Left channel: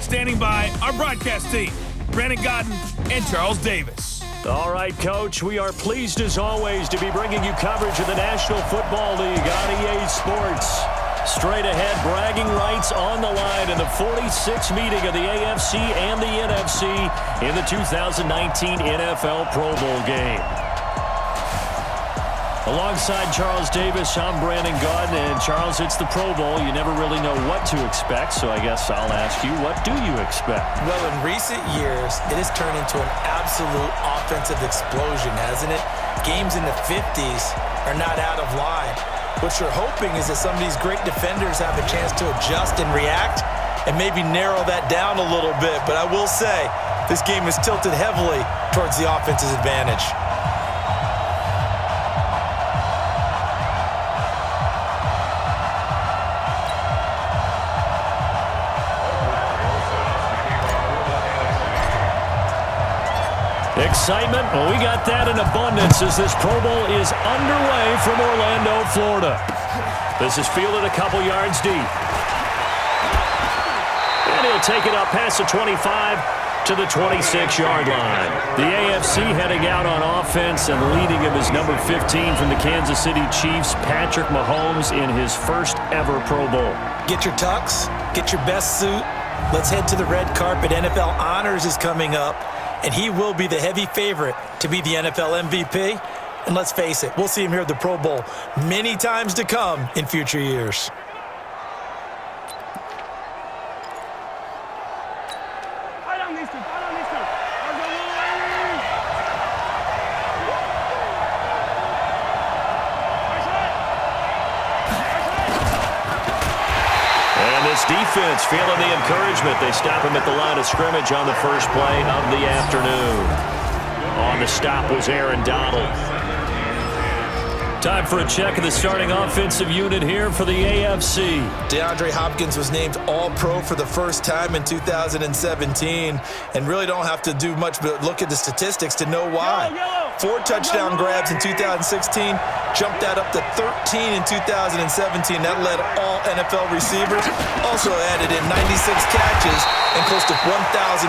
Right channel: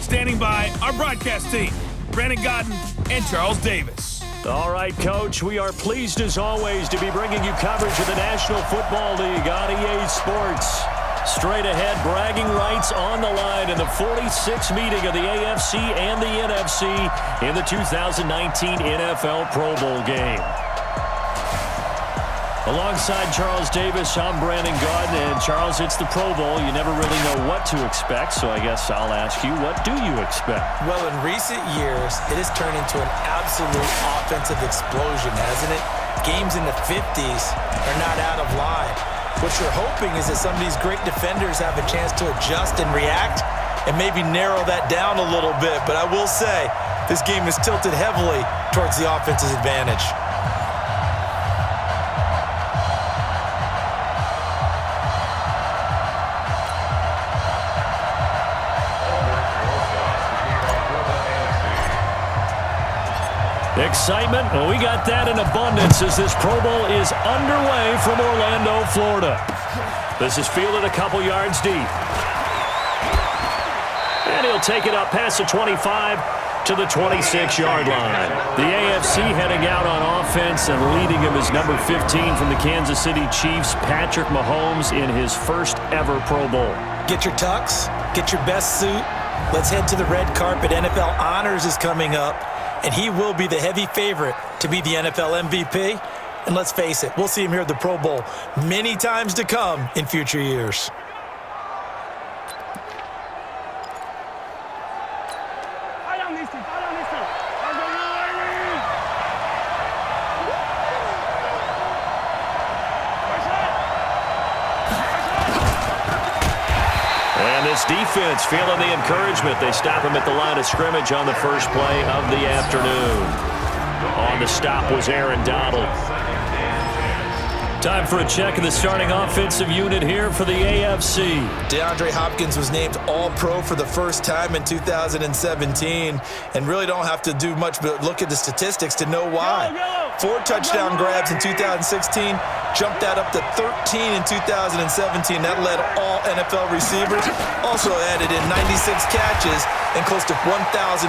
Standing by our broadcast team, Brandon Godden and Charles Davis. All right, Coach, we are pleased as always to be bringing you coverage of the National Football League on EA Sports. Straight ahead, bragging rights on the line in the 46th meeting of the AFC and the NFC in the 2019 NFL Pro Bowl game. Alongside Charles Davis, I'm Brandon Godden. And Charles, it's the Pro Bowl. You never really know what to expect, so I guess I'll ask you, what do you expect? Well, in recent years, it has turned into an absolute offensive explosion, hasn't it? Games in the 50s are not out of line. What you're hoping is that some of these great defenders have a chance to adjust and react and maybe narrow that down a little bit. But I will say, this game is tilted heavily towards the offense's advantage. Excitement? Well, we got that in abundance as this Pro Bowl is underway from Orlando, Florida. This is fielded a couple yards deep. And he'll take it up past the 25 to the 26-yard line. The AFC heading out on offense, and leading him is number 15 from the Kansas City Chiefs, Patrick Mahomes, in his first ever Pro Bowl. Get your tux, get your best suit. Let's head to the red carpet. NFL Honors is coming up, and he will be the heavy favorite to be the NFL MVP. And let's face it, we'll see him here at the Pro Bowl many times to come in future years. This defense feeling the encouragement. They stop him at the line of scrimmage on the first play of the afternoon. On the stop was Aaron Donald. Time for a check of the starting offensive unit here for the AFC. DeAndre Hopkins was named All-Pro for the first time in 2017, and really don't have to do much but look at the statistics to know why. 4 touchdown grabs in 2016, jumped that up to 13 in 2017. That led all NFL receivers. Also added in 96 catches and close to 1,400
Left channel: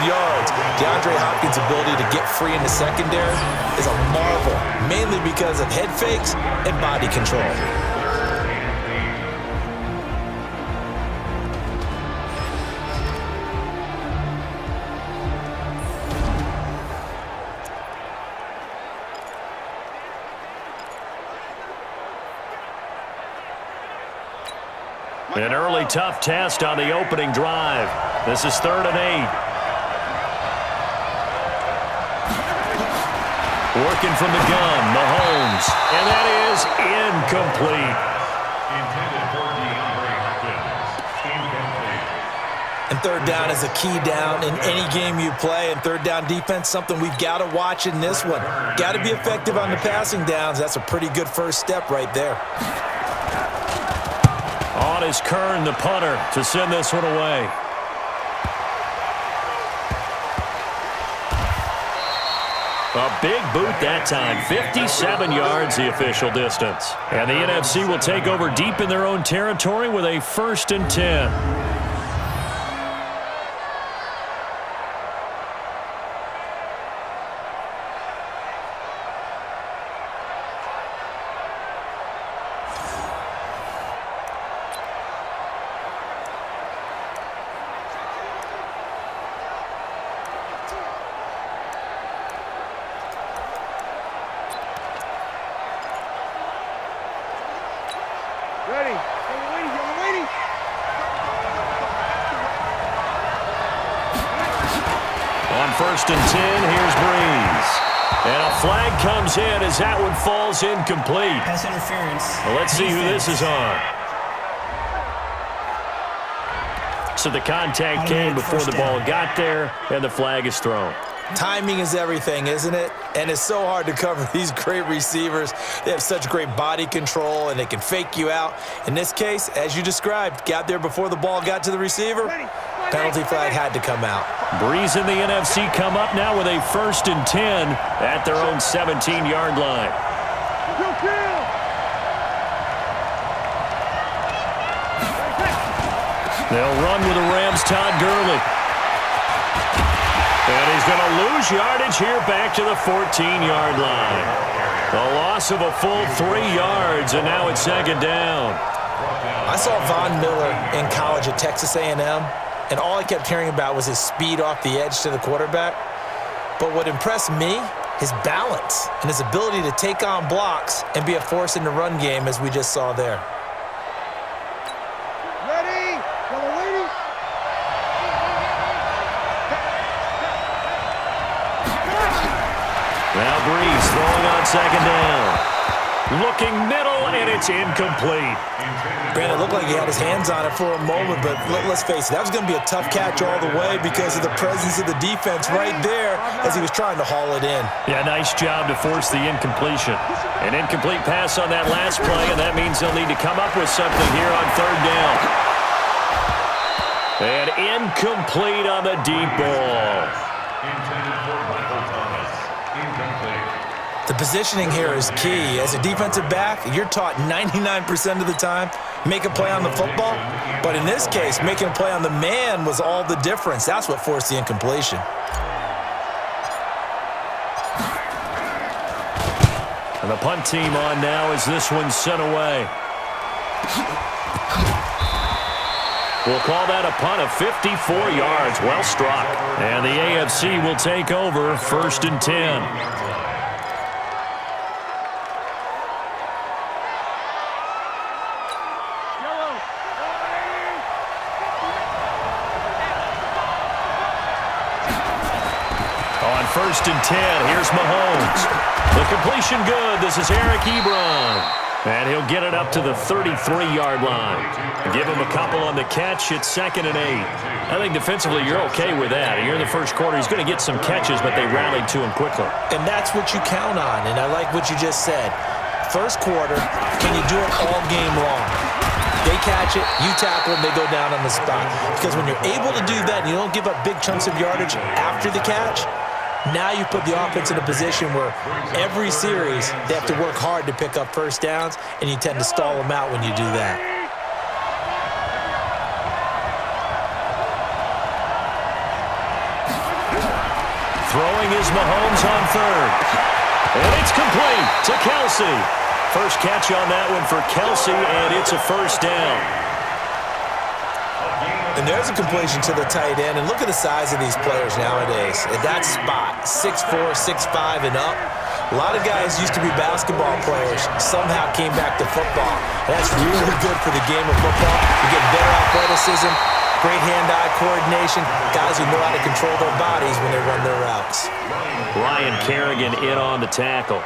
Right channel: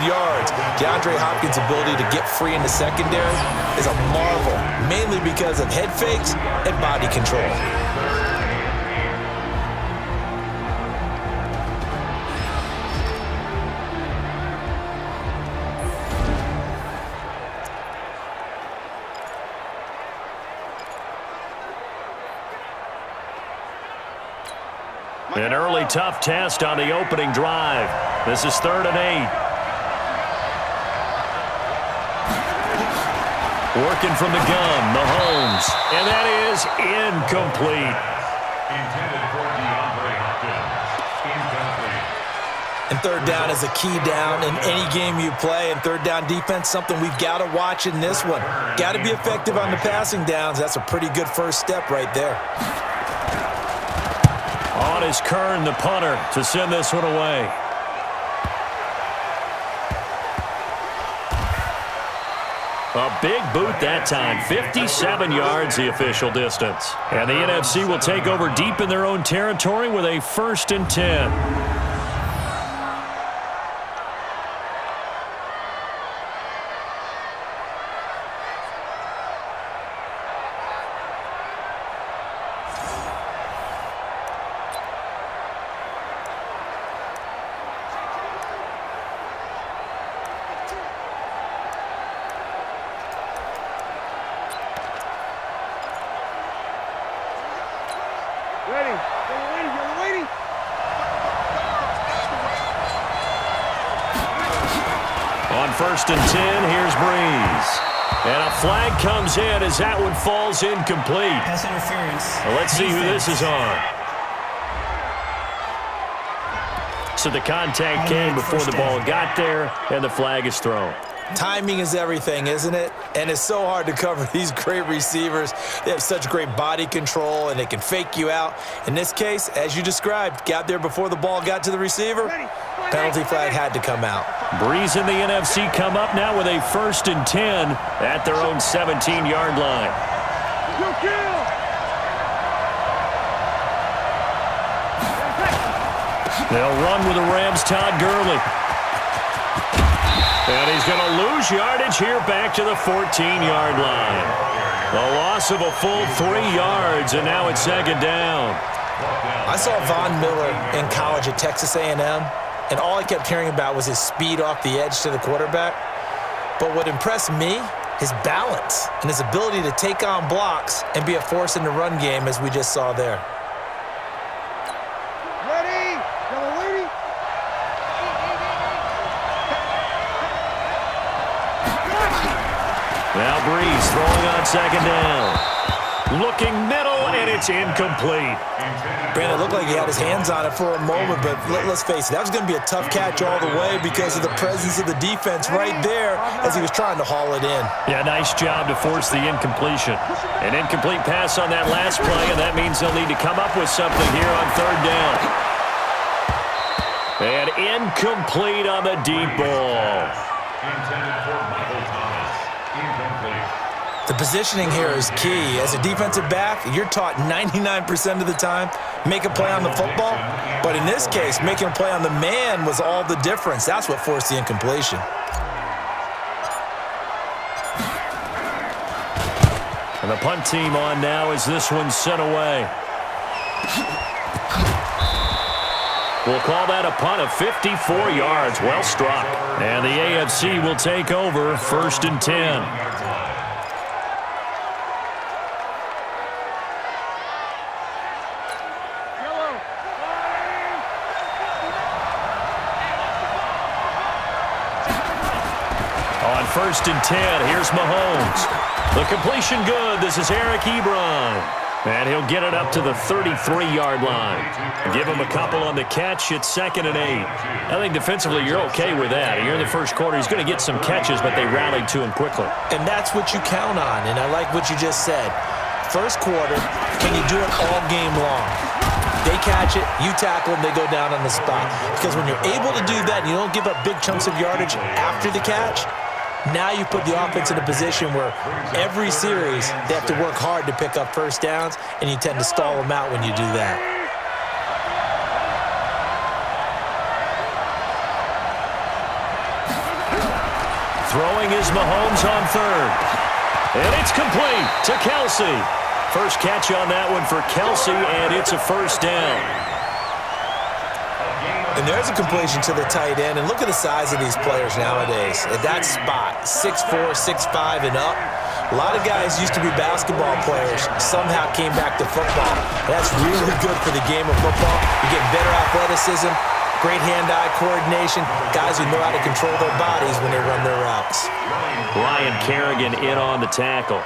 yards. DeAndre Hopkins' ability to get free in the secondary is a marvel, mainly because of head fakes and body control. An early tough test on the opening drive. This is 3rd and 8. Working from the gun, Mahomes. And that is incomplete. Intended for DeAndre Hopkins. Incomplete. And third down is a key down in any game you play. And third down defense, something we've got to watch in this one. Got to be effective on the passing downs. That's a pretty good first step right there. On is Kern, the punter, to send this one away. A big boot that time. 57 yards, the official distance. And the NFC will take over deep in their own territory with a 1st and 10. Ready. Yellow lady. On 1st and 10, here's Breeze. And a flag comes in as that one falls incomplete. Pass interference. Well, let's see who this is on. So the contact came before the ball got there, and the flag is thrown. Timing is everything, isn't it? And it's so hard to cover these great receivers. They have such great body control, and they can fake you out. In this case, as you described, got there before the ball got to the receiver. Penalty flag had to come out. Breeze and the NFC come up now with a 1st and 10 at their own 17-yard line. They'll run with the Rams' Todd Gurley. And he's going to lose yardage here back to the 14-yard line. A loss of a full 3 yards, and now it's second down. I saw Von Miller in college at Texas A&M, and all I kept hearing about was his speed off the edge to the quarterback. But what impressed me, his balance and his ability to take on blocks and be a force in the run game, as we just saw there. Ready? Yellow lady. Now Breeze throwing on second down. Looking middle, and it's incomplete. Brandon, it looked like he had his hands on it for a moment, but let's face it, that was going to be a tough catch all the way because of the presence of the defense right there as he was trying to haul it in. Yeah, nice job to force the incompletion. An incomplete pass on that last play, and that means they'll need to come up with something here on third down. And incomplete on the deep ball. Intended for Michael Thomas. Incomplete. The positioning here is key. As a defensive back, you're taught 99% of the time, make a play on the football. But in this case, making a play on the man was all the difference. That's what forced the incompletion. And the punt team on now as this one's sent away. We'll call that a punt of 54 yards. Well struck. And the AFC will take over 1st and 10. On 1st and 10, here's Mahomes. The completion good. This is Eric Ebron. And he'll get it up to the 33-yard line. Give him a couple on the catch. It's 2nd and 8. I think defensively you're okay with that. Here in the first quarter, he's going to get some catches, but they rallied to him quickly. And that's what you count on, and I like what you just said. First quarter, can you do it all game long? They catch it, you tackle them, they go down on the spot. Because when you're able to do that and you don't give up big chunks of yardage after the catch, now you put the offense in a position where every series they have to work hard to pick up first downs, and you tend to stall them out when you do that. Throwing is Mahomes on third. And it's complete to Kelsey. First catch on that one for Kelsey, and it's a first down. And there's a completion to the tight end. And look at the size of these players nowadays. At that spot, 6'4", 6'5", and up. A lot of guys used to be basketball players, somehow came back to football. And that's really good for the game of football. You get better athleticism, great hand-eye coordination, guys who know how to control their bodies when they run their routes. Ryan Kerrigan in on the tackle.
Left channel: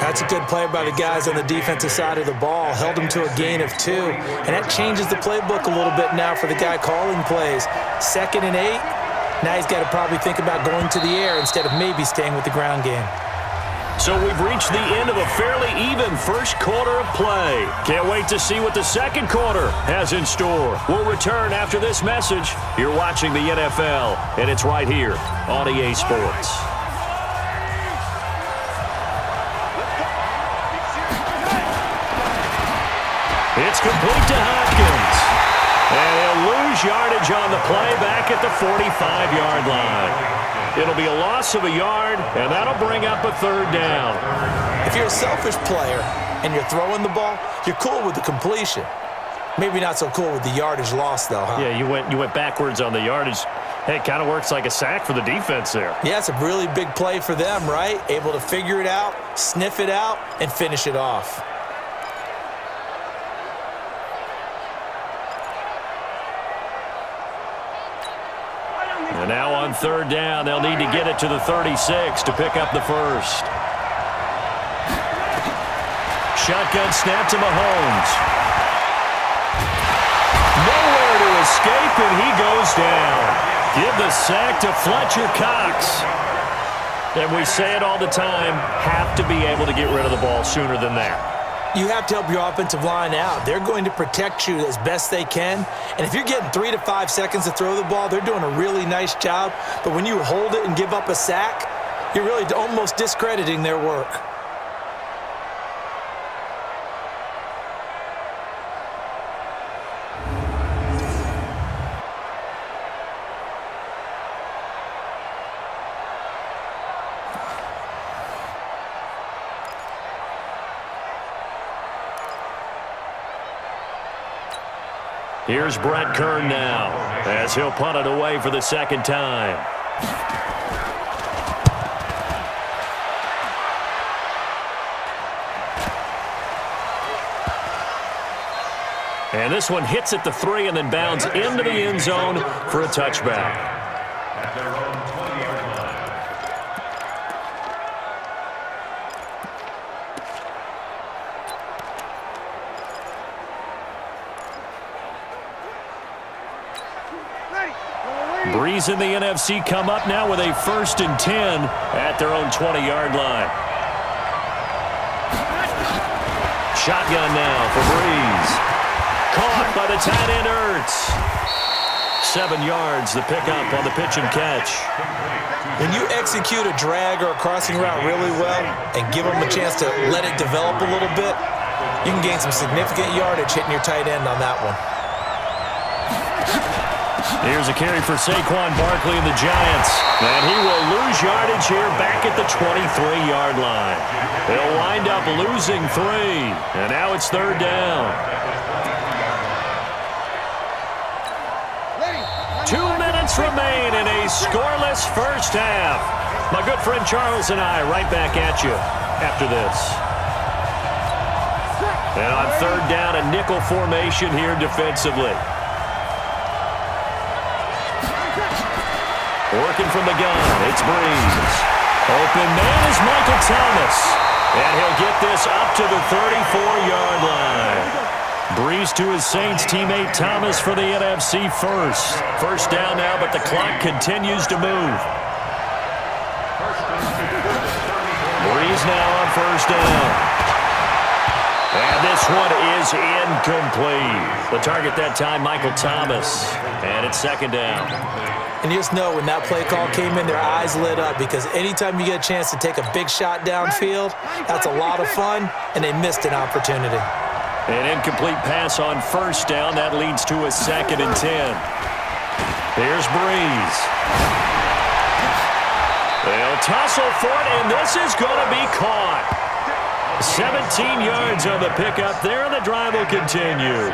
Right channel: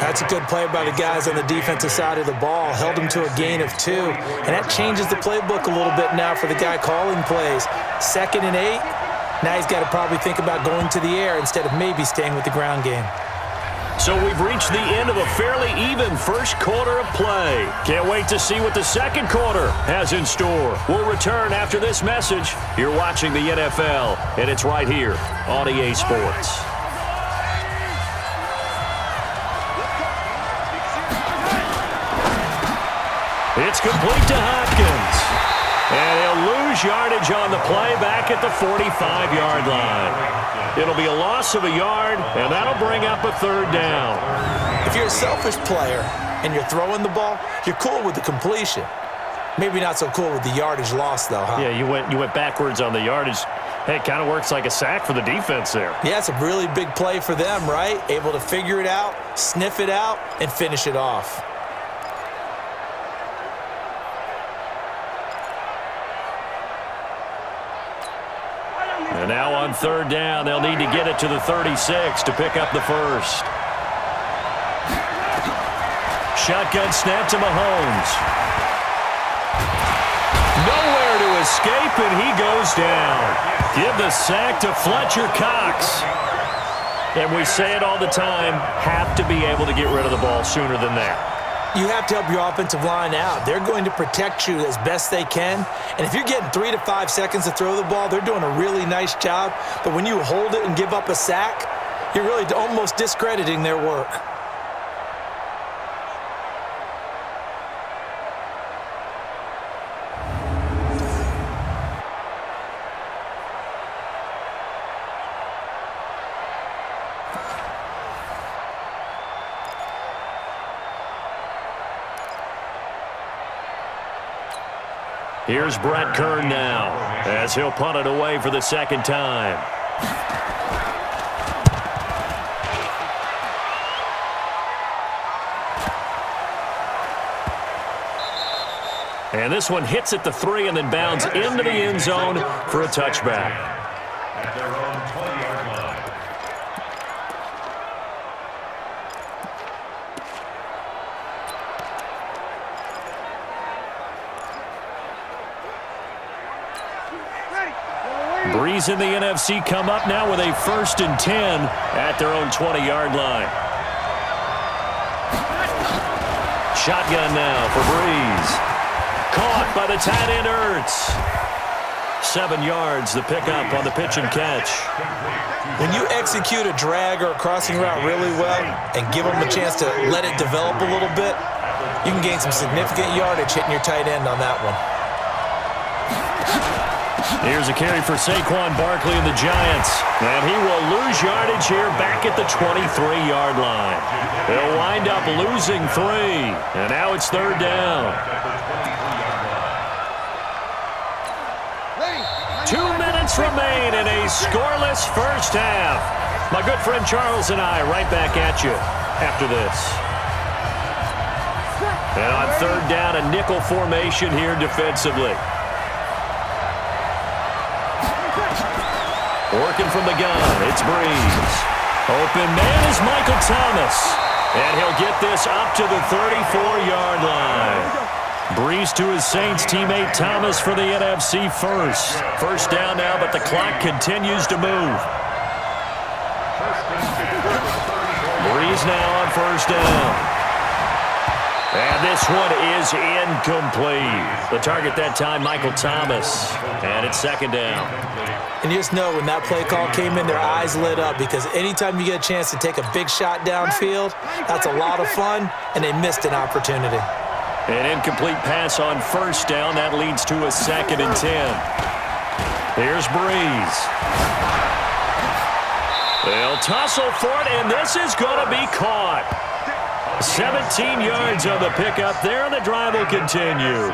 That's a good play by the guys on the defensive side of the ball. Held them to a gain of 2. And that changes the playbook a little bit now for the guy calling plays. 2nd and 8. Now he's got to probably think about going to the air instead of maybe staying with the ground game. So we've reached the end of a fairly even first quarter of play. Can't wait to see what the second quarter has in store. We'll return after this message. You're watching the NFL, and it's right here on EA Sports. It's complete to Hopkins. And he'll lose yardage on the play back at the 45-yard line. It'll be a loss of a yard, and that'll bring up a third down. If you're a selfish player and you're throwing the ball, you're cool with the completion. Maybe not so cool with the yardage loss, though, huh? Yeah, you went backwards on the yardage. Hey, it kind of works like a sack for the defense there. Yeah, it's a really big play for them, right? Able to figure it out, sniff it out, and finish it off. And now on third down, they'll need to get it to the 36 to pick up the first. Shotgun snap to Mahomes. Nowhere to escape, and he goes down. Give the sack to Fletcher Cox. And we say it all the time, have to be able to get rid of the ball sooner than that. You have to help your offensive line out. They're going to protect you as best they can. And if you're getting 3 to 5 seconds to throw the ball, they're doing a really nice job. But when you hold it and give up a sack, you're really almost discrediting their work. Here's Brett Kern now as he'll punt it away for the second time. And this one hits at the 3 and then bounds into the end zone for a touchback. At their own 20-yard line. Breeze and the NFC come up now with a 1st and 10 at their own 20-yard line. Shotgun now for Breeze. Caught by the tight end Ertz. 7 yards, the pickup on the pitch and catch. When you execute a drag or a crossing route really well and give them a chance to let it develop a little bit, you can gain some significant yardage hitting your tight end on that one. Here's a carry for Saquon Barkley and the Giants. And he will lose yardage here back at the 23-yard line. He'll wind up losing 3. And now it's 3rd down. 2 minutes remain in a scoreless first half. My good friend Charles and I right back at you after this. And on 3rd down, a nickel formation here defensively. Working from the gun, it's Breeze. Open man is Michael Thomas. And he'll get this up to the 34-yard line. Breeze to his Saints teammate Thomas for the NFC first. 1st down now, but the clock continues to move. Breeze now on 1st down. And this one is incomplete. The target that time, Michael Thomas. And it's 2nd down. And you just know when that play call came in, their eyes lit up because anytime you get a chance to take a big shot downfield, that's a lot of fun, and they missed an opportunity. An incomplete pass on 1st down. That leads to a 2nd and 10. Here's Breeze. They'll tussle for it, and this is going to be caught. 17 yards on the pickup there, and the drive will continue.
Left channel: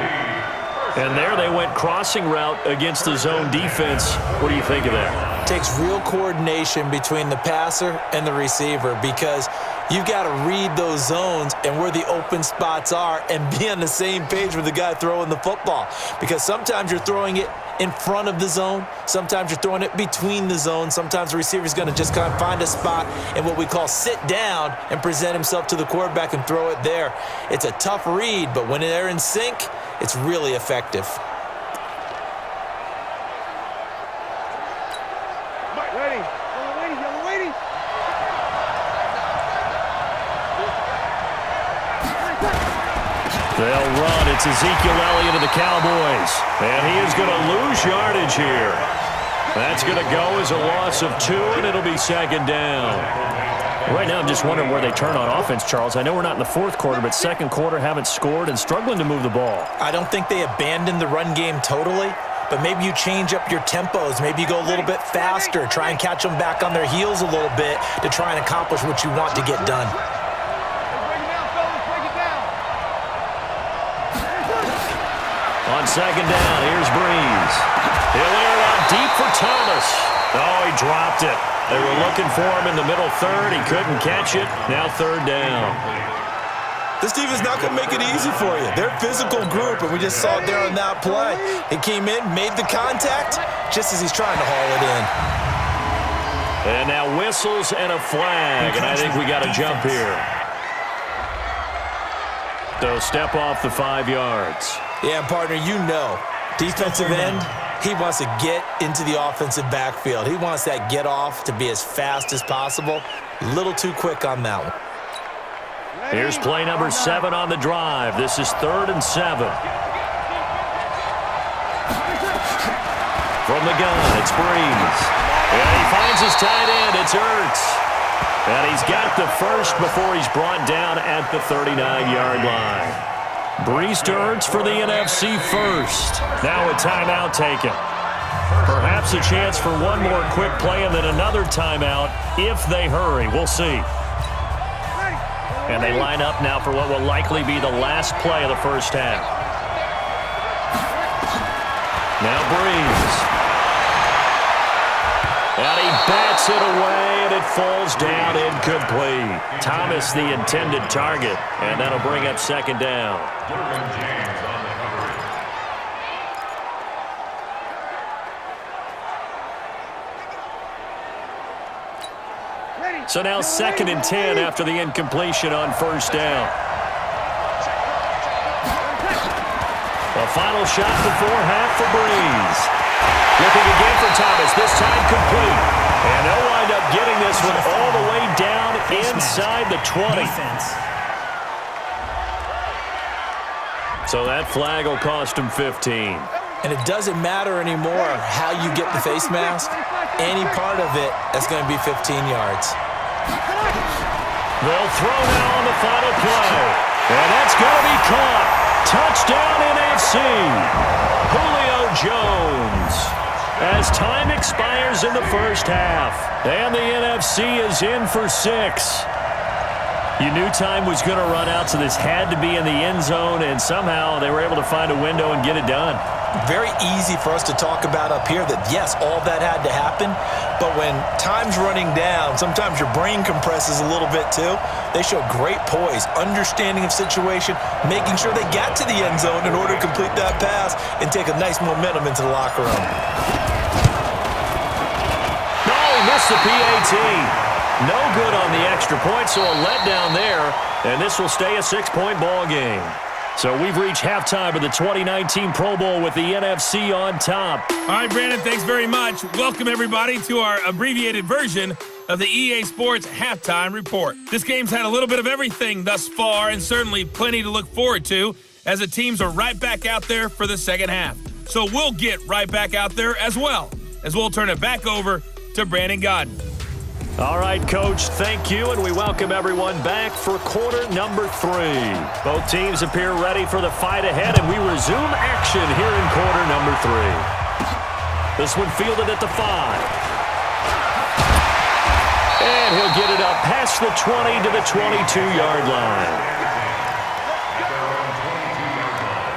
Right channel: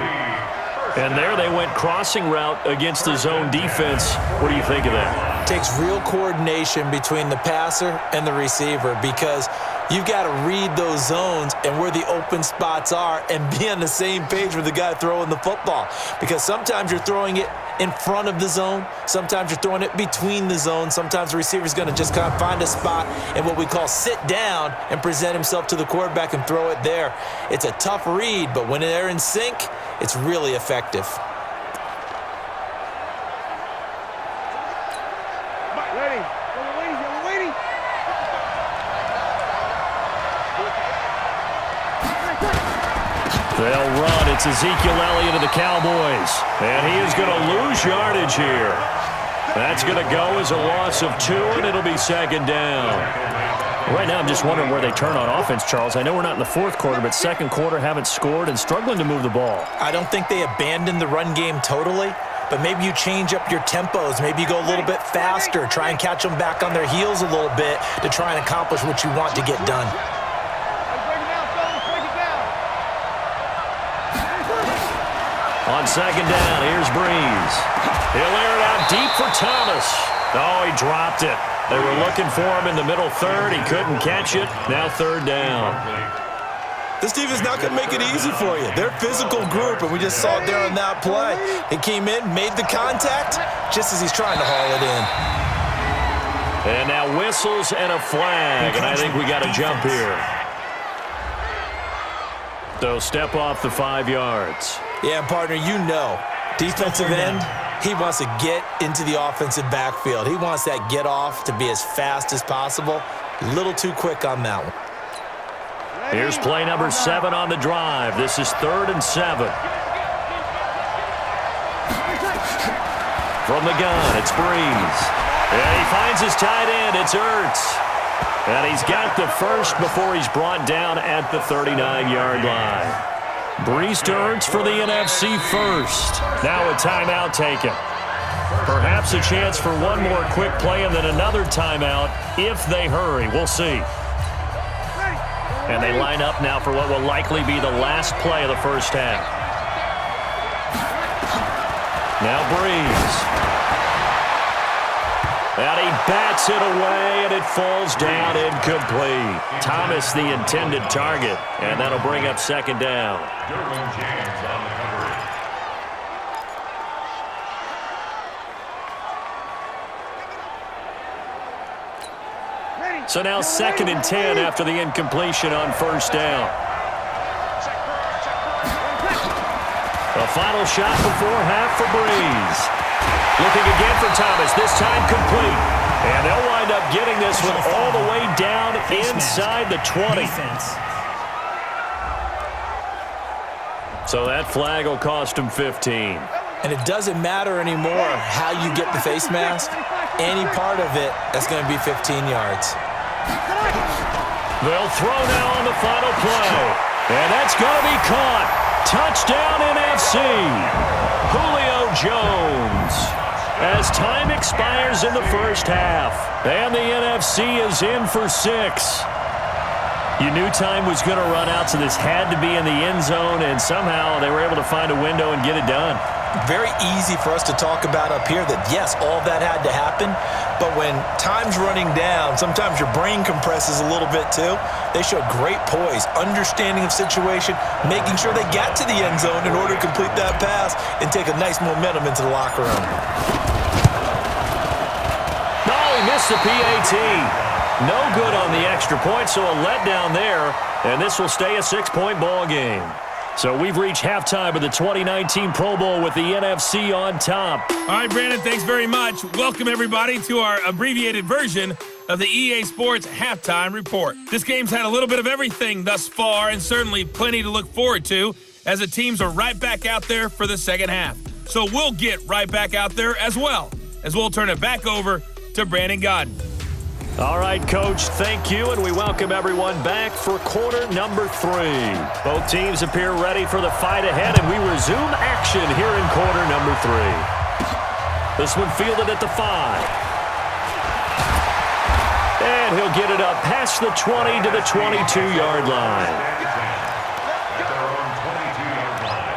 And there they went crossing route against the zone defense. What do you think of that? It takes real coordination between the passer and the receiver because you've got to read those zones and where the open spots are and be on the same page with the guy throwing the football. Because sometimes you're throwing it in front of the zone. Sometimes you're throwing it between the zones. Sometimes the receiver's going to just kind of find a spot and what we call sit down and present himself to the quarterback and throw it there. It's a tough read, but when they're in sync, it's really effective. Ready. Yellow lady. They'll run. It's Ezekiel Elliott of the Cowboys. And he is going to lose yardage here. That's going to go as a loss of 2, and it'll be 2nd down. Right now, I'm just wondering where they turn on offense, Charles. I know we're not in the 4th quarter, but 2nd quarter haven't scored and struggling to move the ball. I don't think they abandoned the run game totally, but maybe you change up your tempos. Maybe you go a little bit faster, try and catch them back on their heels a little bit to try and accomplish what you want to get done. Break it down, fellas. Break it down. On 2nd down, here's Breeze. He'll air it out deep for Thomas. Oh, he dropped it. They were looking for him in the middle 3rd. He couldn't catch it. Now 3rd down. This defense not going to make it easy for you. They're a physical group, and we just saw it there on that play. He came in, made the contact, just as he's trying to haul it in. And now whistles and a flag, and I think we got a jump here. So step off the 5 yards. Yeah, partner, you know, defensive end, he wants to get into the offensive backfield. He wants that get off to be as fast as possible. A little too quick on that one. Here's play number 7 on the drive. This is 3rd and 7. From the gun, it's Breeze. And he finds his tight end. It's Ertz. And he's got the first before he's brought down at the 39-yard line. Breeze to Ertz for the NFC first. Now a timeout taken. Perhaps a chance for one more quick play and then another timeout if they hurry. We'll see. And they line up now for what will likely be the last play of the first half. Now Breeze. And he bats it away, and it falls down incomplete. Thomas, the intended target, and that'll bring up second down. Derwin James on the coverage. So now 2nd and 10 after the incompletion on first down. A final shot before half for Breeze. Looking again for Thomas, this time complete. And they'll wind up getting this one all the way down inside the 20. So that flag will cost him 15. And it doesn't matter anymore how you get the face mask. Any part of it, that's going to be 15 yards. They'll throw now on the final play. And that's going to be caught. Touchdown NFC. Julio Jones. As time expires in the first half. And the NFC is in for 6. You knew time was going to run out, so this had to be in the end zone, and somehow they were able to find a window and get it done. Very easy for us to talk about up here that, yes, all that had to happen, but when time's running down, sometimes your brain compresses a little bit too. They showed great poise, understanding of situation, making sure they got to the end zone in order to complete that pass and take a nice momentum into the locker room. No, he missed the PAT. No good on the extra point, so a letdown there, and this will stay a 6-point ball game. So we've reached halftime of the 2019 Pro Bowl with the NFC on top. All right, Brandon, thanks very much. Welcome, everybody, to our abbreviated version of the EA Sports Halftime Report. This game's had a little bit of everything thus far, and certainly plenty to look forward to, as the teams are right back out there for the second half. So we'll get right back out there as well, as we'll turn it back over to Brandon Godden. All right, Coach, thank you, and we welcome everyone back for quarter number 3. Both teams appear ready for the fight ahead, and we resume action here in quarter number 3. This one fielded at the 5. And he'll get it up past the 20 to the 22-yard line. At their own 22-yard line.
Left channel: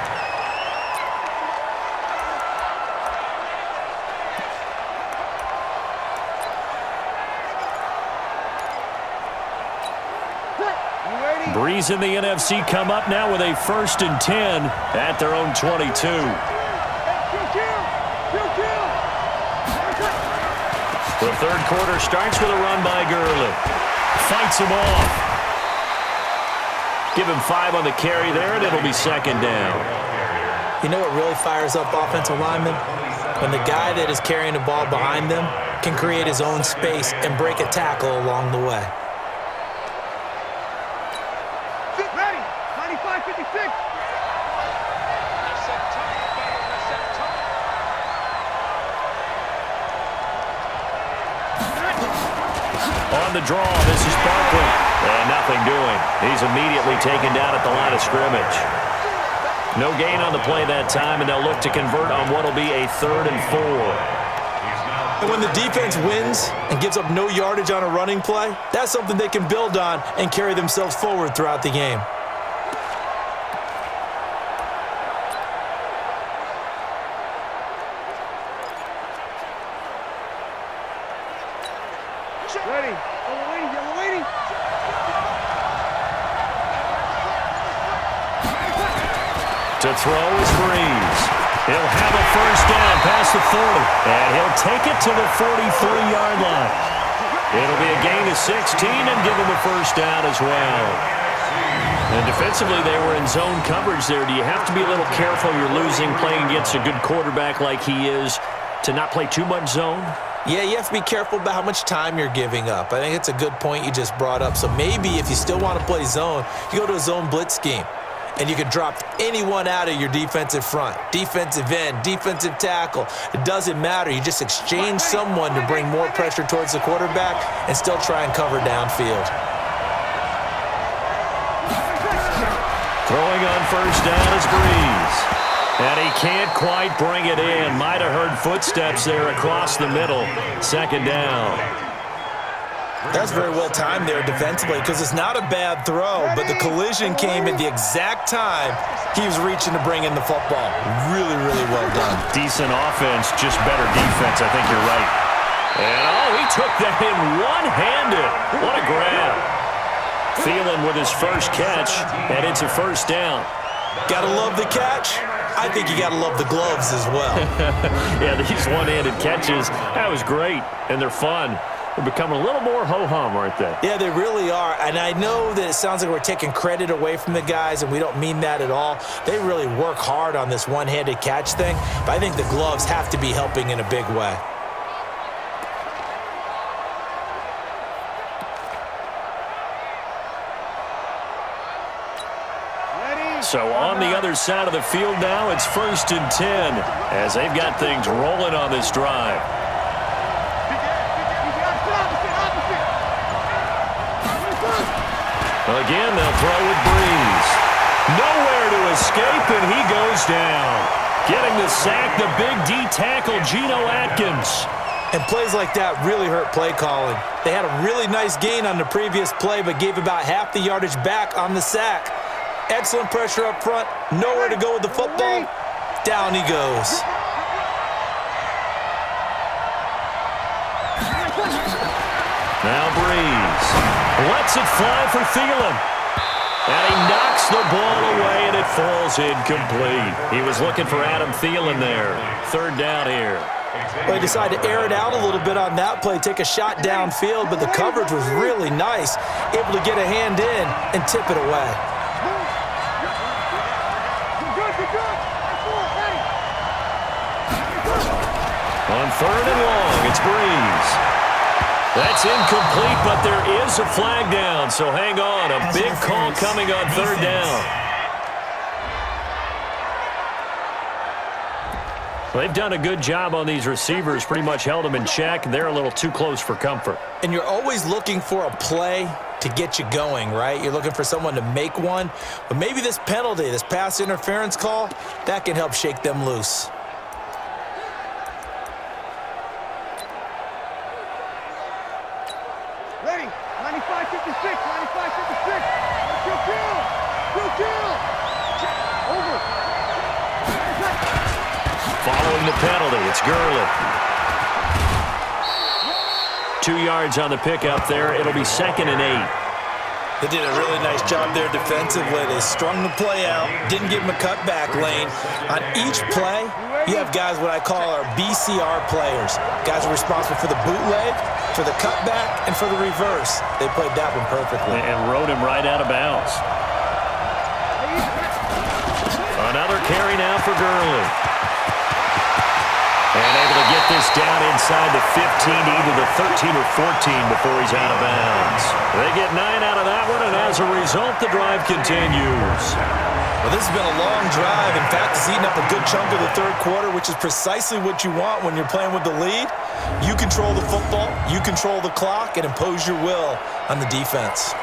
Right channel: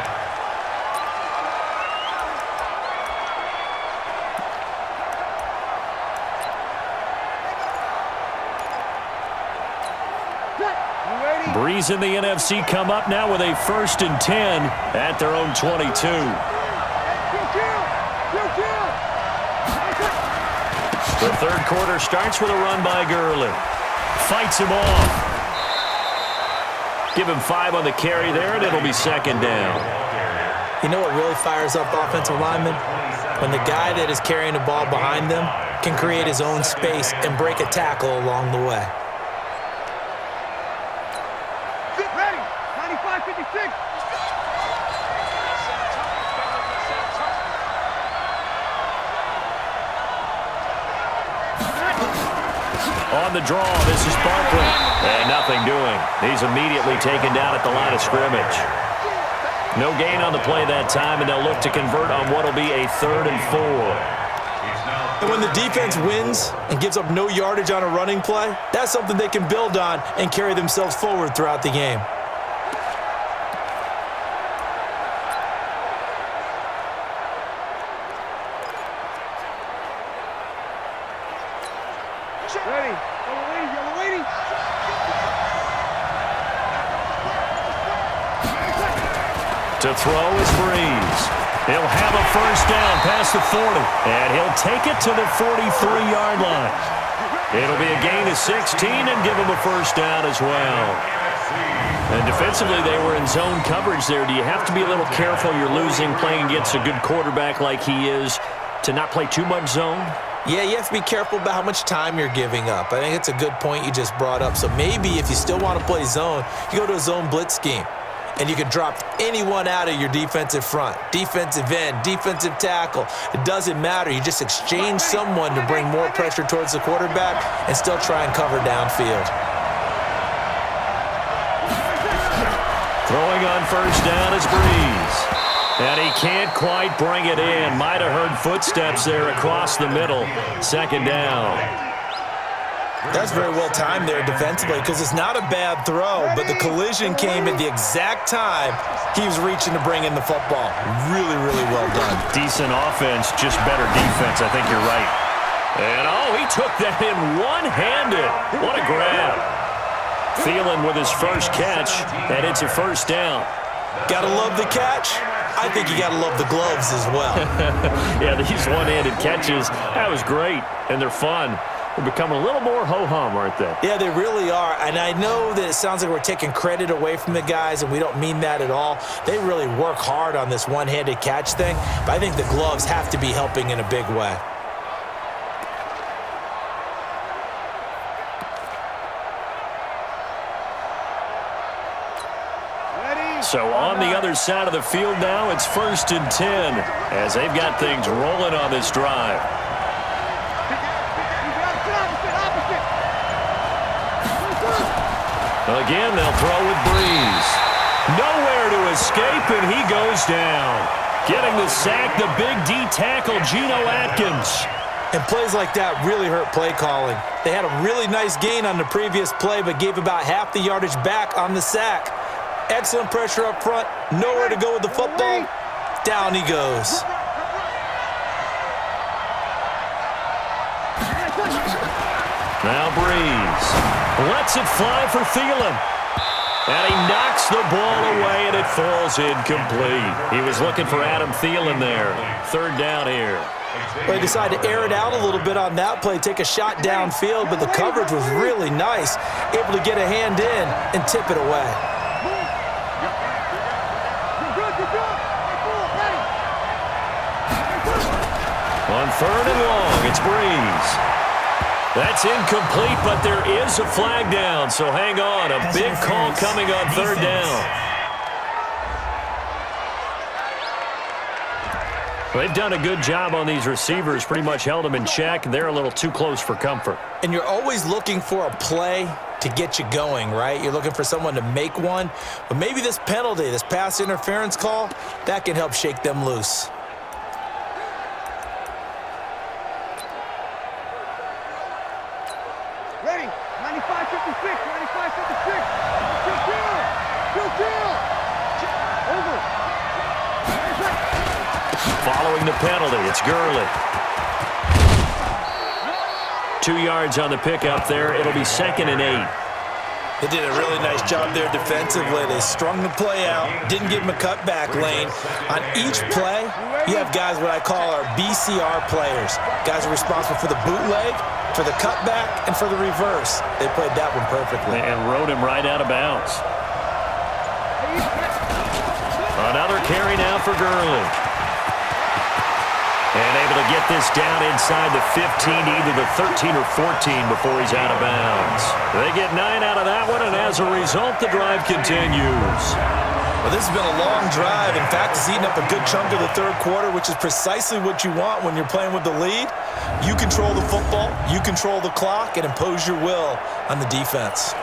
Breeze and the NFC come up now with a 1st and 10 at their own 22. The third quarter starts with a run by Gurley. Fights him off. Give him 5 on the carry there, and it'll be second down. You know what really fires up offensive linemen? When the guy that is carrying the ball behind them can create his own space and break a tackle along the way. Ready, 95-56. On the draw, this is Barkley. And nothing doing. He's immediately taken down at the line of scrimmage. No gain on the play that time, and they'll look to convert on what will be a 3rd and 4. And when the defense wins and gives up no yardage on a running play, that's something they can build on and carry themselves forward throughout the game. Ready, yellow lady. To throw is Breeze. He'll have a 1st down past the 40, and he'll take it to the 43-yard line. It'll be a gain of 16 and give him a 1st down as well. And defensively, they were in zone coverage there. Do you have to be a little careful? You're losing playing against a good quarterback like he is to not play too much zone? Yeah, you have to be careful about how much time you're giving up. I think it's a good point you just brought up. So maybe if you still want to play zone, you go to a zone blitz scheme. And you can drop anyone out of your defensive front, defensive end, defensive tackle. It doesn't matter. You just exchange someone to bring more pressure towards the quarterback and still try and cover downfield. Throwing on 1st down is Breeze. And he can't quite bring it in. Might have heard footsteps there across the middle. 2nd down. That's very well timed there defensively because it's not a bad throw, but the collision came at the exact time he was reaching to bring in the football. Really, really well done. Decent offense, just better defense. I think you're right. And, he took that in one-handed. What a grab. Thielen with his first catch, and it's a first down. Gotta love the catch. I think you gotta love the gloves as well. Yeah, these one-handed catches, that was great, and they're fun. They're becoming a little more ho-hum, aren't they? Yeah, they really are. And I know that it sounds like we're taking credit away from the guys, and we don't mean that at all. They really work hard on this one-handed catch thing, but I think the gloves have to be helping in a big way. So on the other side of the field now, it's 1st and 10 as they've got things rolling on this drive. Again, they'll throw with Breeze. Nowhere to escape, and he goes down. Getting the sack, the big D tackle, Geno Atkins. And plays like that really hurt play calling. They had a really nice gain on the previous play, but gave about half the yardage back on the sack. Excellent pressure up front. Nowhere to go with the football. Down he goes. Now Breeze lets it fly for Thielen. And he knocks the ball away, and it falls incomplete. He was looking for Adam Thielen there. 3rd down here. Well, he decided to air it out a little bit on that play, take a shot downfield, but the coverage was really nice. Able to get a hand in and tip it away. On 3rd and long, it's Breeze. That's incomplete, but there is a flag down, so hang on. A big call coming on 3rd down. They've done a good job on these receivers, pretty much held them in check. They're a little too close for comfort. And you're always looking for a play to get you going, right? You're looking for someone to make one. But maybe this penalty, this pass interference call, that can help shake them loose. Ready, 95-56, 95-56. Kill. Over. Following the penalty, it's Gurley. 2 yards on the pickup there. It'll be 2nd and 8. They did a really nice job there defensively. They strung the play out, didn't give him a cutback lane. On each play, you have guys what I call our BCR players. Guys are responsible for the bootleg, for the cutback, and for the reverse. They played that one perfectly. And rode him right out of bounds. Another carry now for Gurley. And able to get this down inside the 15, either the 13 or 14 before he's out of bounds. They get 9 out of that one, and as a result, the drive continues. Well, this has been a long drive. In fact, it's eaten up a good chunk of the 3rd quarter, which is precisely what you want when you're playing with the lead. You control the football, you control the clock, and impose your will on the defense.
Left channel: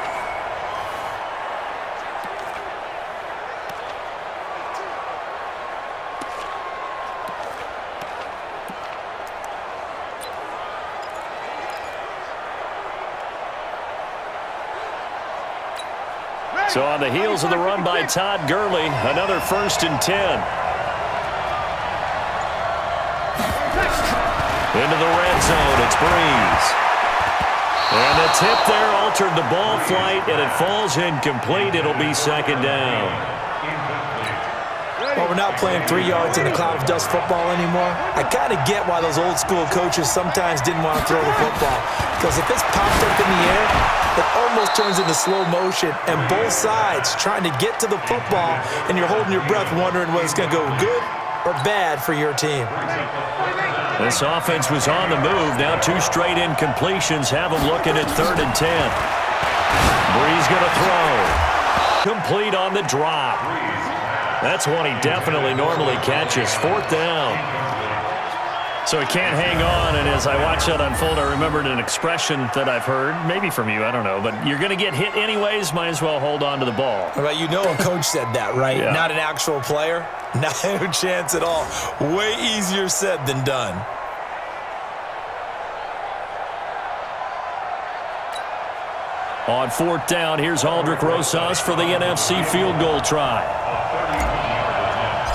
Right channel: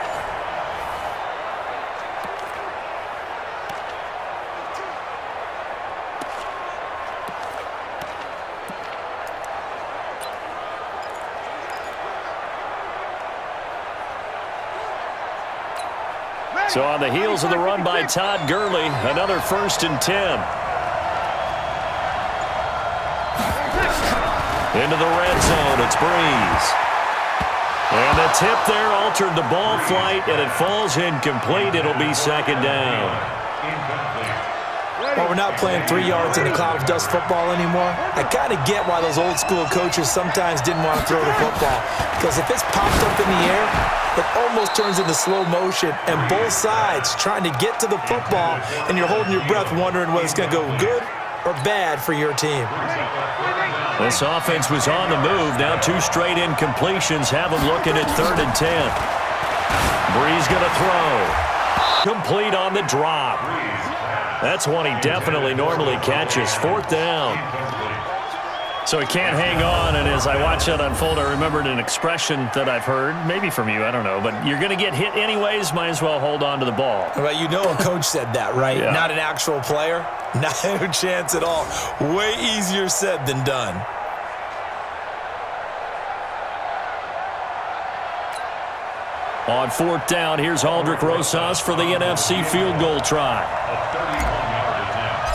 So on the heels of the run by Todd Gurley, another 1st and 10. Into the red zone, it's Breeze. And the tip there altered the ball flight, and it falls incomplete. It'll be 2nd down. Well, we're not playing 3 yards in the cloud of dust football anymore. I kind of get why those old school coaches sometimes didn't want to throw the football. Because if it's popped up in the air, it almost turns into slow motion, and both sides trying to get to the football, and you're holding your breath wondering whether it's going to go good or bad for your team. This offense was on the move. Now 2 straight incompletions have them looking at 3rd and 10. Breeze going to throw. Complete on the drop. That's one he definitely normally catches. 4th down. So he can't hang on, and as I watch that unfold, I remembered an expression that I've heard, maybe from you, I don't know, but you're going to get hit anyways, might as well hold on to the ball. Well, you know a coach said that, right? Yeah. Not an actual player. No chance at all. Way easier said than done. On fourth down, here's Aldrick Rosas for the NFC field goal try. A 31-yard attempt.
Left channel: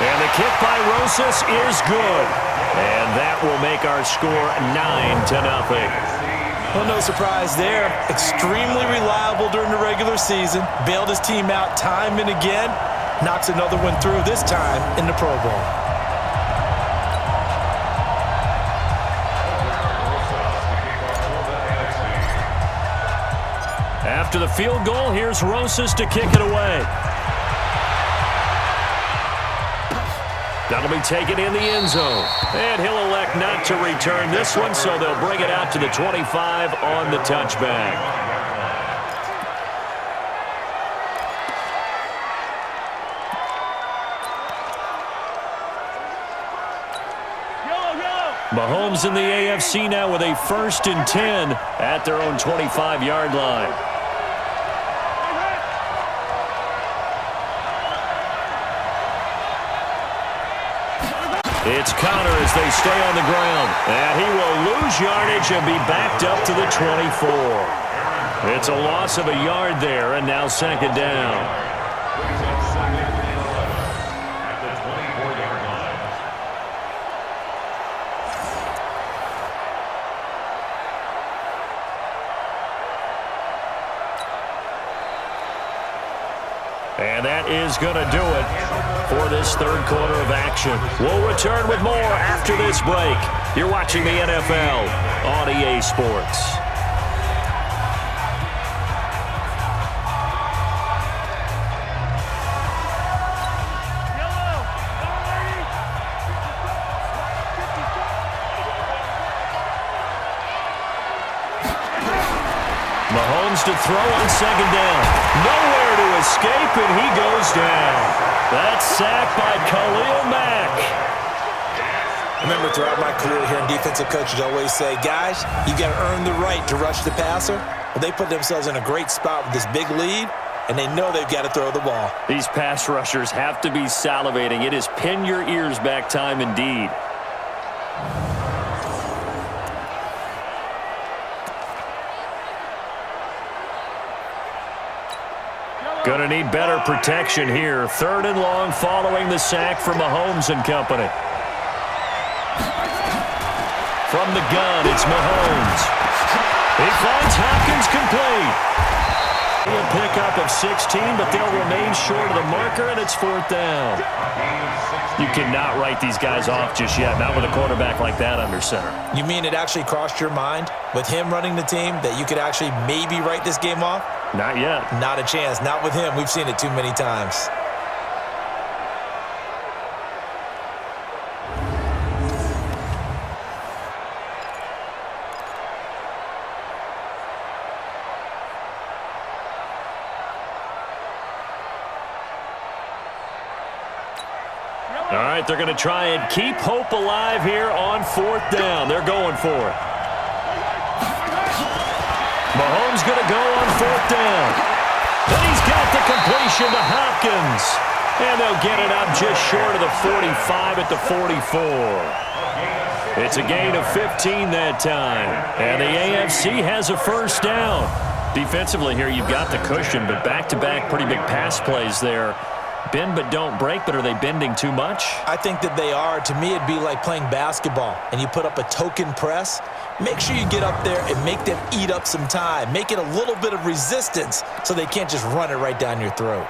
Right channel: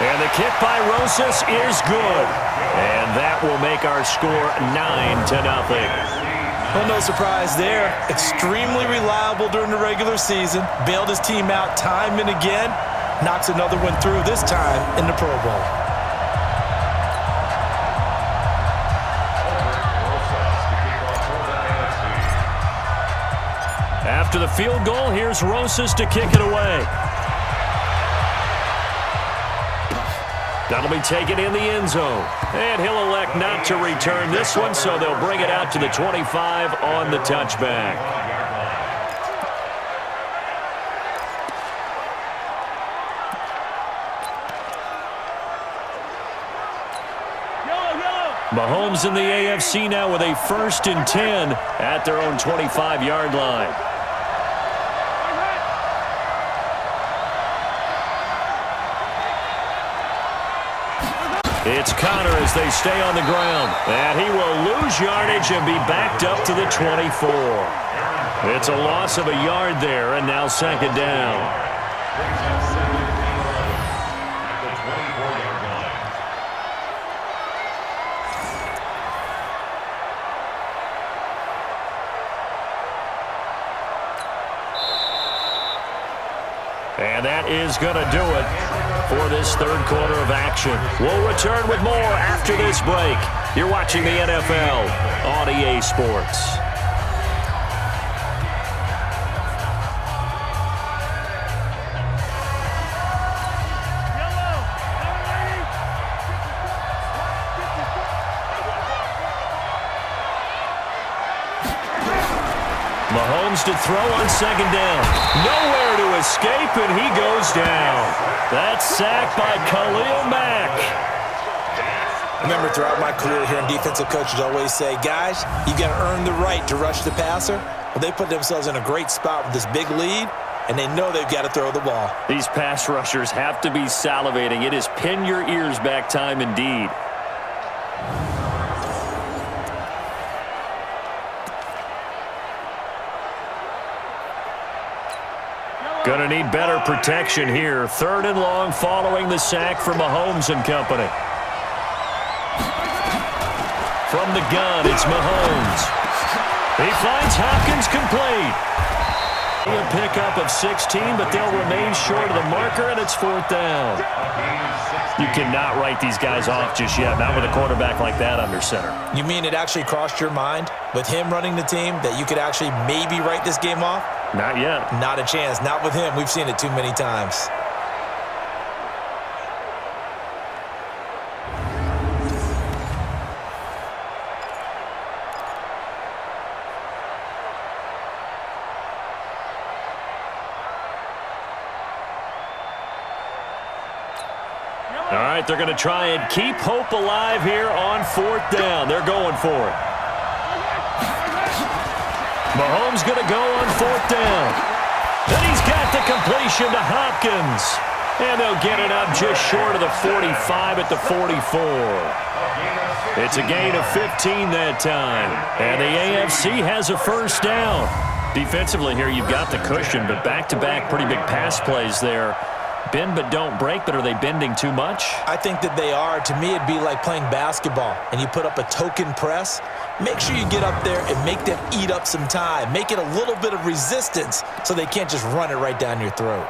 And the kick by Rosas is good. And that will make our score 9-0. Well, no surprise there. Extremely reliable during the regular season. Bailed his team out time and again. Knocks another one through, this time in the Pro Bowl. After the field goal, here's Rosas to kick it away. That'll be taken in the end zone. And he'll elect not to return this one, so they'll bring it out to the 25 on the touchback. Mahomes in the AFC now with a 1st and 10 at their own 25-yard line. It's Connor as they stay on the ground. And he will lose yardage and be backed up to the 24. It's a loss of a yard there, and now 2nd down. Brings up 2nd and 11 at the 24-yard line. And that is going to do it for this 3rd quarter of action. We'll return with more after this break. You're watching the NFL on EA Sports. Mahomes to throw on 2nd down. Nowhere to escape, and he goes down. That's sacked by Khalil Mack. I remember throughout my career hearing defensive coaches always say, guys, you got to earn the right to rush the passer. Well, they put themselves in a great spot with this big lead, and they know they've got to throw the ball. These pass rushers have to be salivating. It is pin your ears back time indeed. Gonna need better protection here. 3rd and long following the sack from Mahomes and company. From the gun, it's Mahomes. He finds Hopkins complete. A pickup of 16, but they'll remain short of the marker, and it's 4th down. You cannot write these guys off just yet, not with a quarterback like that under center. You mean it actually crossed your mind with him running the team that you could actually maybe write this game off? Not yet. Not a chance. Not with him. We've seen it too many times. All right, they're going to try and keep hope alive here on 4th down. They're going for it. Mahomes going to go on 4th down. Then he's got the completion to Hopkins. And they'll get it up just short of the 45 at the 44. It's a gain of 15 that time. And the AFC has a 1st down. Defensively here, you've got the cushion, but back-to-back pretty big pass plays there. Bend but don't break, but are they bending too much? I think that they are. To me, it'd be like playing basketball, and you put up a token press. Make sure you get up there and make them eat up some time. Make it a little bit of resistance so they can't just run it right down your throat.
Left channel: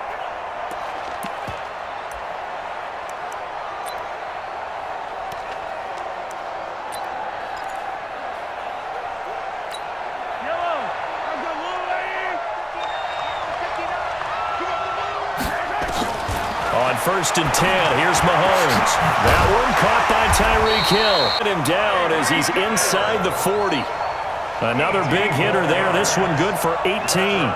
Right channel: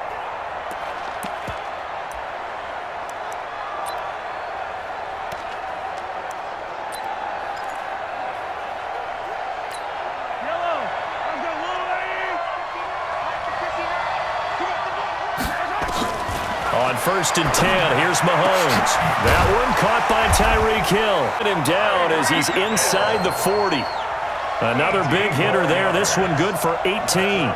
On 1st and 10, here's Mahomes. That one caught by Tyreek Hill. Get him down as he's inside the 40. Another big hitter there. This one good for 18.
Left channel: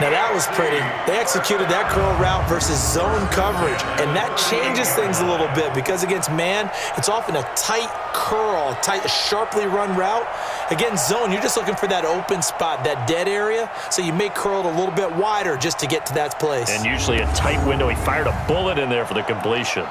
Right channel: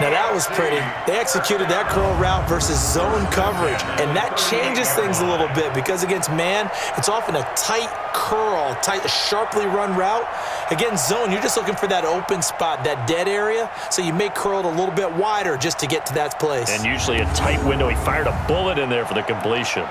Now that was pretty. They executed that curl route versus zone coverage, and that changes things a little bit because against man, it's often a tight curl, tight, sharply run route. Against zone, you're just looking for that open spot, that dead area, so you may curl it a little bit wider just to get to that place. And usually a tight window. He fired a bullet in there for the completion.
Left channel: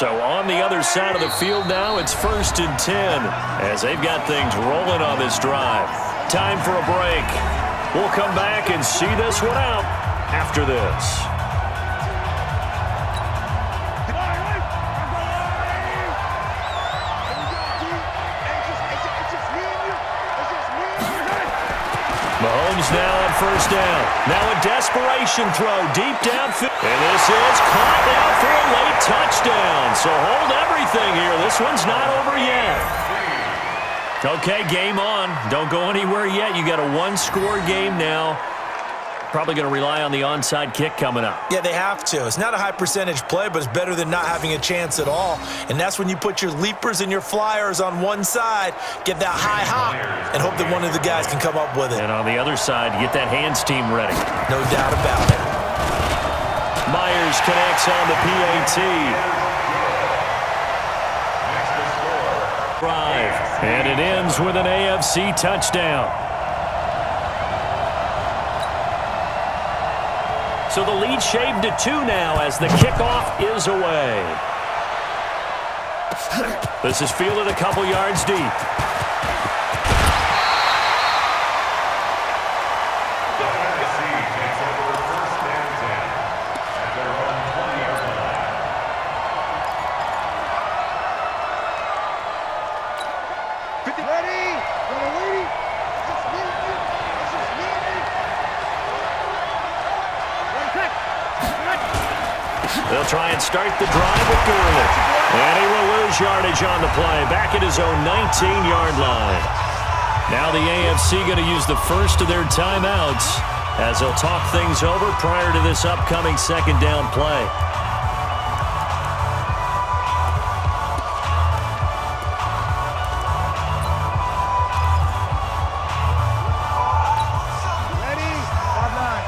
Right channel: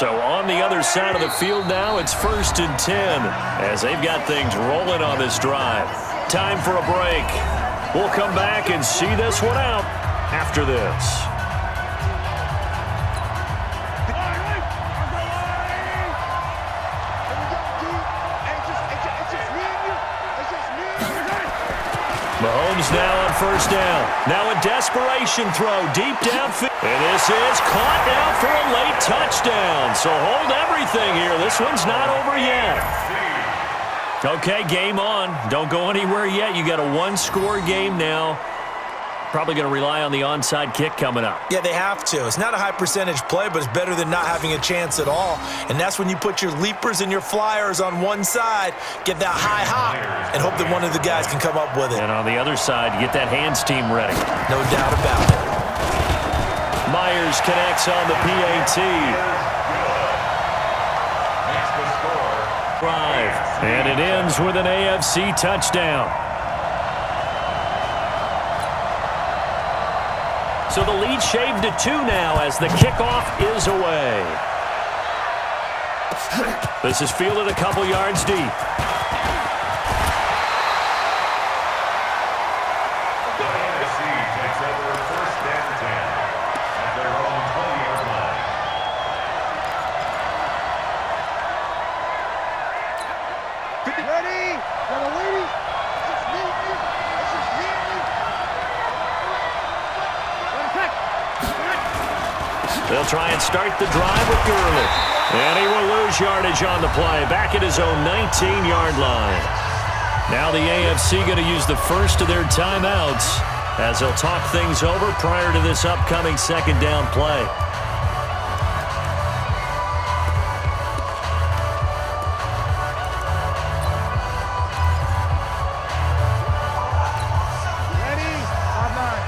So on the other side of the field now, it's 1st and 10 as they've got things rolling on this drive. Time for a break. We'll come back and see this one out after this. Mahomes now on 1st down. Now a desperation throw deep downfield. And this is caught now for a late touchdown. So hold everything here. This one's not over yet. Okay, game on. Don't go anywhere yet. You got a one-score game now. Probably going to rely on the onside kick coming up. Yeah, they have to. It's not a high-percentage play, but it's better than not having a chance at all. And that's when you put your leapers and your flyers on one side, get that high hop, and hope that one of the guys can come up with it. And on the other side, get that hands team ready. No doubt about it. Myers connects on the PAT. Drive. And it ends with an AFC touchdown. So the lead shaved to 2 now as the kickoff is away. This is fielded a couple yards deep. The NFC takes over 1st and 10 at their own 20-yard line. Ready? Y'all waiting? It's just me and you. It's just me and you. Ready, They'll try and start the drive with Gurley. And he will lose yardage on the play, back at his own 19-yard line. Now the AFC going to use the first of their timeouts as they'll talk things over prior to this upcoming 2nd down play. ready? 5-9.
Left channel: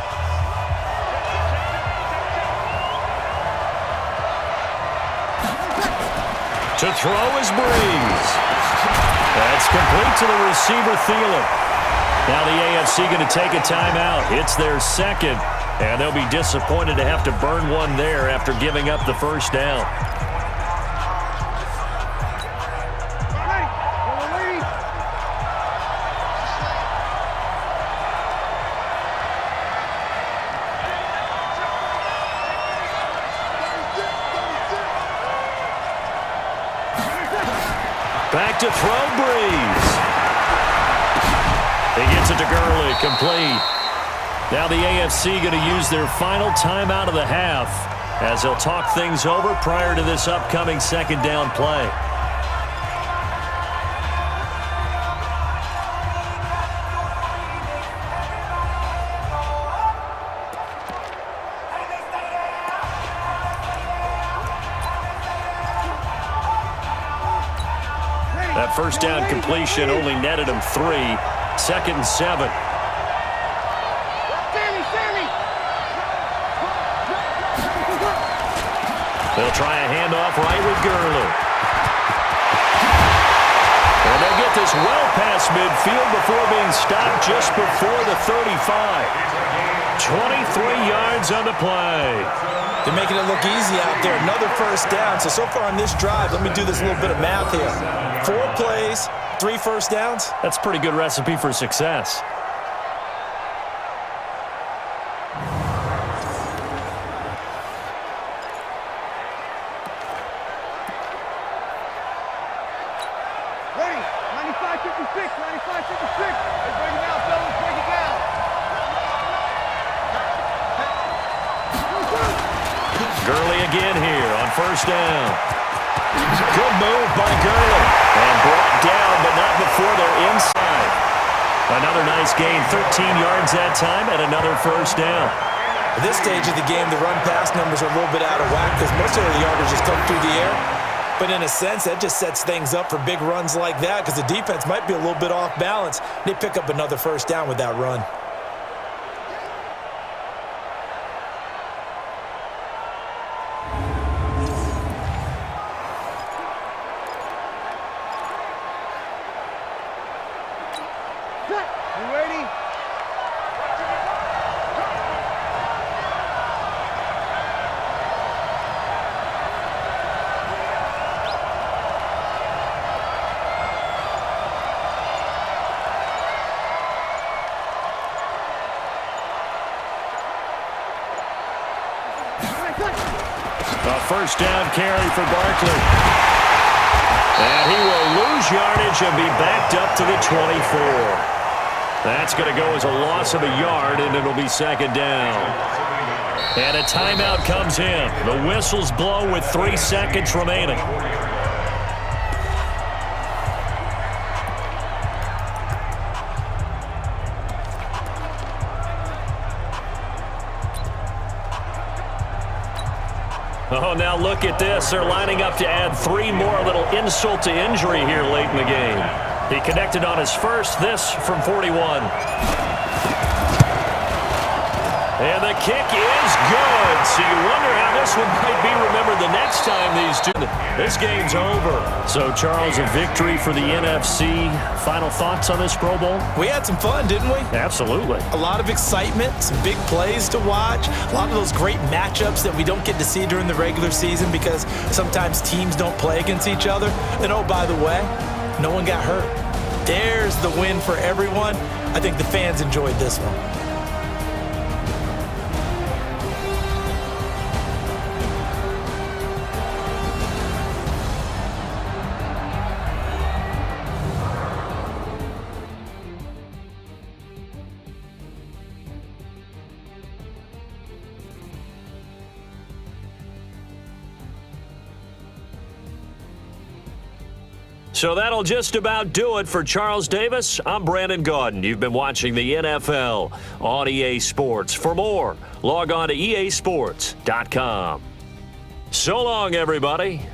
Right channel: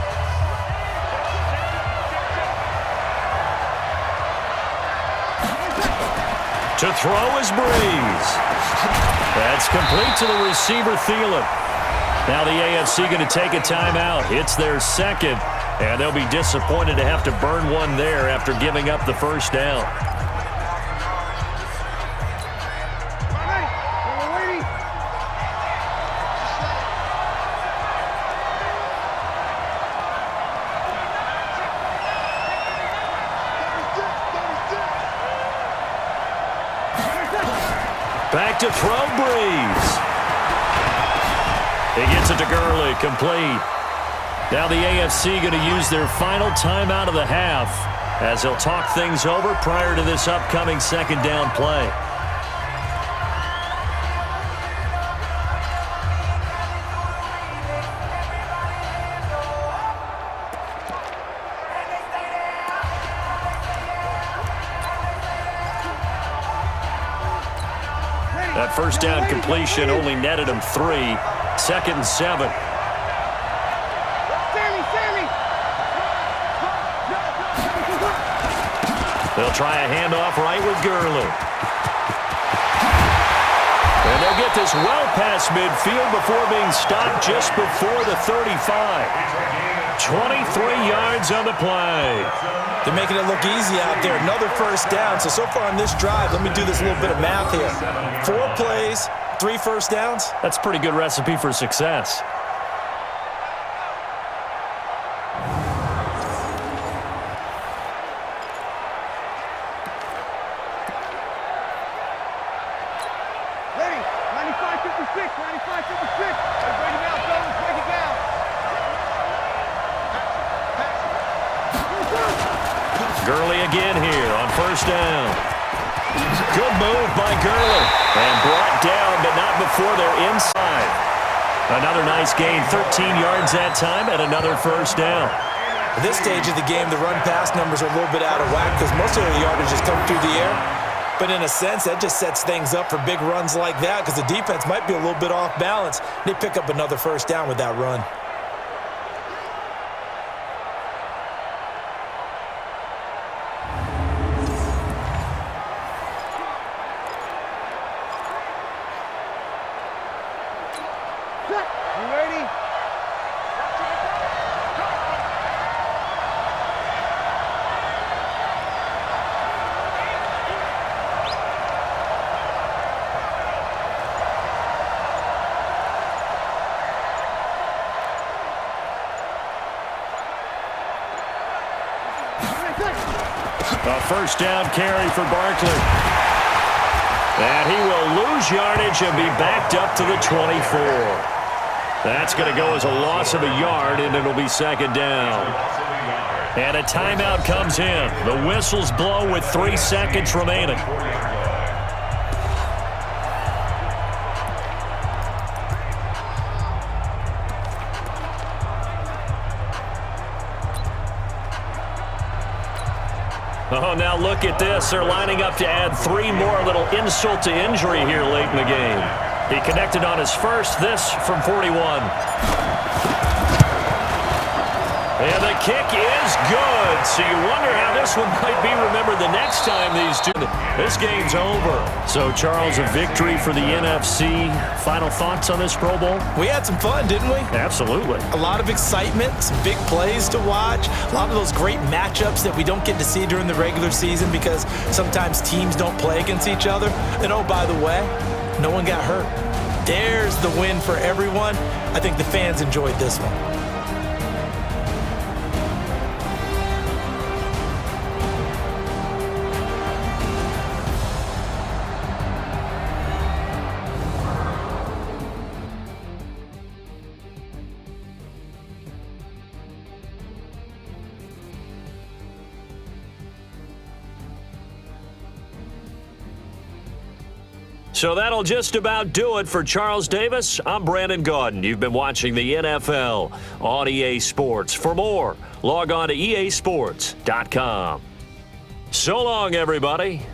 To throw is Breeze. That's complete to the receiver, Thielen. Now the AFC going to take a timeout. It's their 2nd, and they'll be disappointed to have to burn one there after giving up the 1st down. Ready? Y'all waiting? Back to throw, Breeze. He gets it to Gurley, complete. Now the AFC going to use their final timeout of the half as they'll talk things over prior to this upcoming 2nd down play. That 1st down completion only netted him 3. 2nd and 7. Sammy! They'll try a handoff right with Gurley. And they'll get this well past midfield before being stopped just before the 35. 23 yards on the play. They're making it look easy out there. Another 1st down. So far on this drive, let me do this little bit of math here. 4 plays, 3 1st downs. That's a pretty good recipe for success. Ready? 95-56. 95-56. Hey, break it down, fellas. Break it down. Gurley again here on 1st down. Good move by Gurley. And brought down, but not before they're inside. Another nice gain, 13 yards that time, and another 1st down. At this stage of the game, the run-pass numbers are a little bit out of whack because most of the yardage just come through the air. But in a sense, that just sets things up for big runs like that because the defense might be a little bit off balance. They pick up another 1st down with that run. You ready? A first down carry for Barkley. And he will lose yardage and be backed up to the 24. That's going to go as a loss of a yard, and it'll be second down. And a timeout comes in. The whistles blow with 3 seconds remaining. Oh, now look at this. They're lining up to add 3 more. A little insult to injury here late in the game. He connected on his first, this from 41. And the kick is good. So you wonder how this one might be remembered the next time these two. This game's over. So, Charles, a victory for the NFC. Final thoughts on this Pro Bowl? We had some fun, didn't we? Absolutely. A lot of excitement, some big plays to watch, a lot of those great matchups that we don't get to see during the regular season because sometimes teams don't play against each other. And, oh, by the way, no one got hurt. There's the win for everyone. I think the fans enjoyed this one. So that'll just about do it for Charles Davis. I'm Brandon Gaudin. You've been watching the NFL on EA Sports. For more, log on to easports.com. So long, everybody.